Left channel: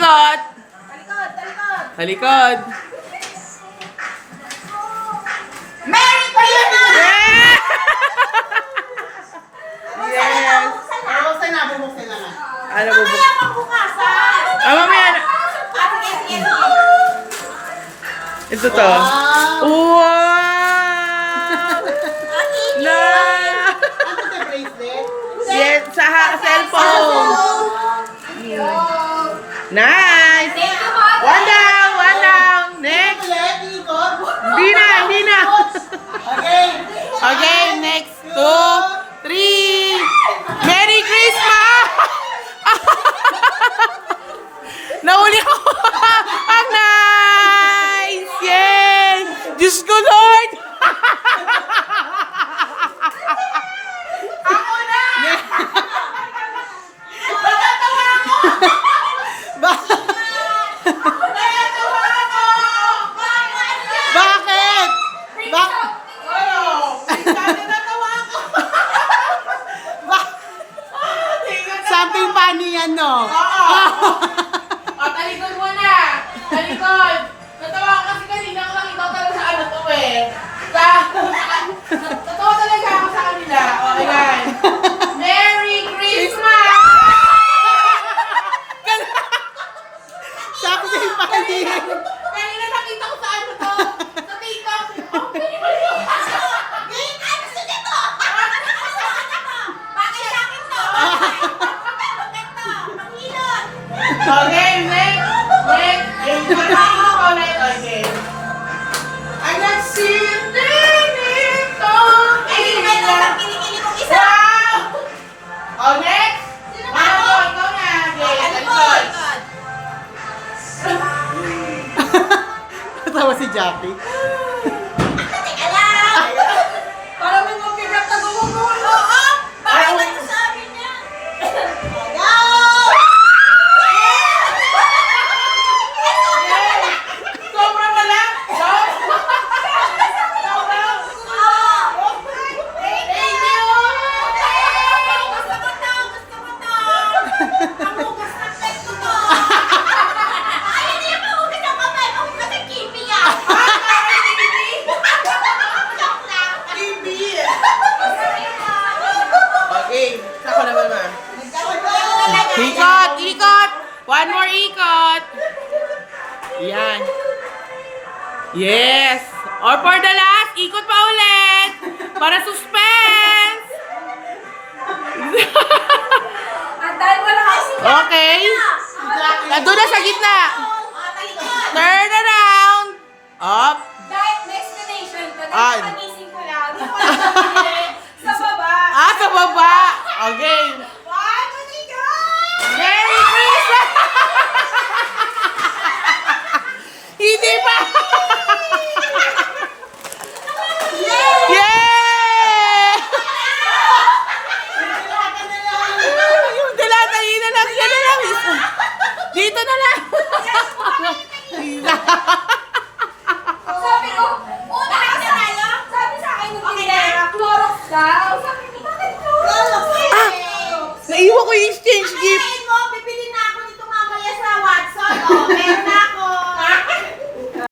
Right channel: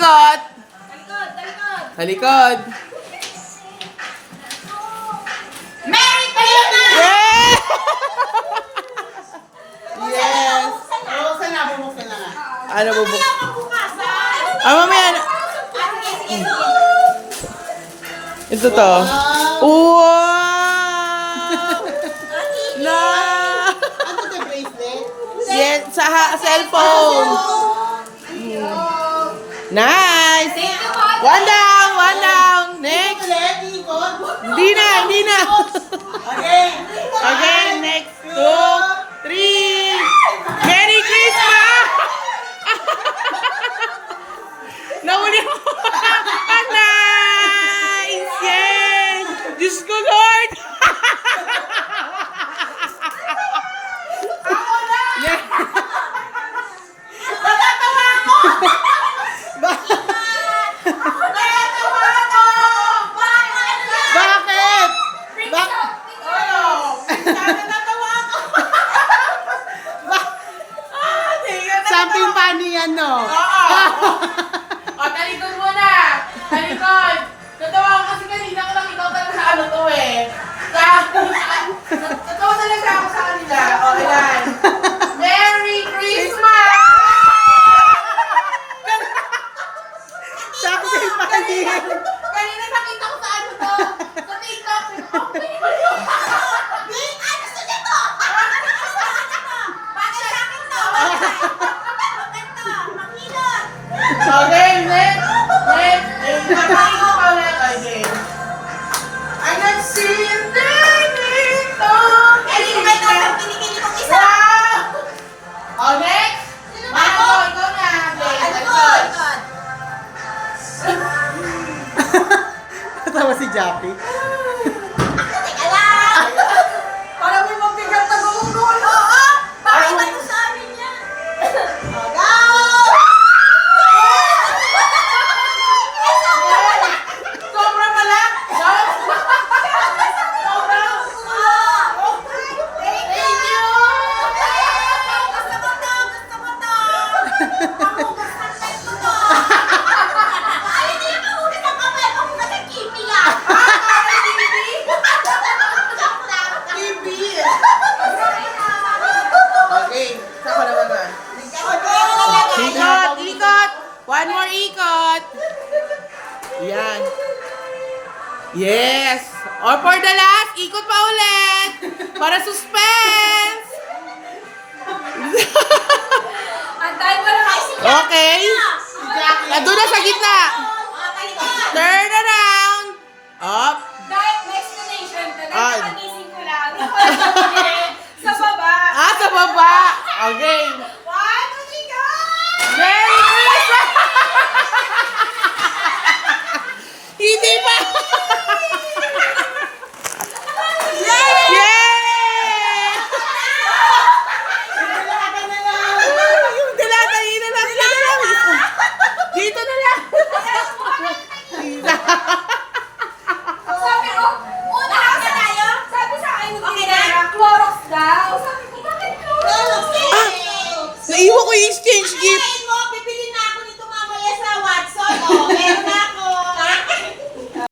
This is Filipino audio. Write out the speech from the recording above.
ikot. Talikod, talikod. Sa likod. Merry Christmas! Yeah! Yes! Bubuksan na, bubuksan na nga. Ano bubuk? Mamaya pagbukasan. Mamaya na. Sige, sige, sige. Ito to. Wow! Na! Ano ito, bracelet? Yes, sa cellphone. Nice! One down, one down. Next. Ulit, ikot. Hindi na, hindi na. Okay. Okay, next. 2, 3. Merry Christmas! Nahuli ko. Ah, nice! Yes! Diyos ko, Lord! Ako na! Yeah. Natatawa ako! Ba- Natatawa ako! Bakit? Bak Ano? Natatawa ako! Something funny yan, no? O, talikod muna! Talikod! Natawa ko kasi kanina ko lang ikaw talaga sa ano to eh. Natawa talaga ako sa kanila. Okay, guys. Merry Christmas! Something funny. Kanina nakita ko sa ano to. Sa TikTok. Oh, pinipal ko. Babe, ano gusto niya to? Bakit sa akin to? Bakit to? Makilot. Okay, next. Next. Ayun, nakakain ko ulit. Okay. I'm not seeing dito. Ay, hindi na kinikili kong isa. Wow! Oh, next. Wow, ikaw na. Okay, talikod. Natawa si Jackie. Teka lang! Parang may mabigat na gumugol. Oo! Bakit ba ito sa amin yan? Go! Sobra pala! Sobra! Thank you! Gusto ko to! Gusto ko to! Pamugas ng leg ko to! Ay, hindi yung pamugas ng kamay! Pamugas ng kipi ah! Okay, sako naman na. Ikot, ikot! One more ikot! Yan. Yes! Or for the last, ikot pa ulit! Para suspense! Okay. Nandun na sa gitna. Turn around. Up. Destination ko na Ay. pagising ko lang. Sa baba. Ah, sa baba. Okay. One, two, three, go! Merry Christmas! Hindi pa! Yay! Yung dilata, yun na lang. Yan na lang. Dito na lang. Sabi ko, una na tayo. Sabi sa akin nung pinara, Clorox daw. Sabi ko, bakit Clorox? Naiwan ko yung exchange gift. Sabihin mo, bibili na ako nito mamaya sa Watson. Oh, meron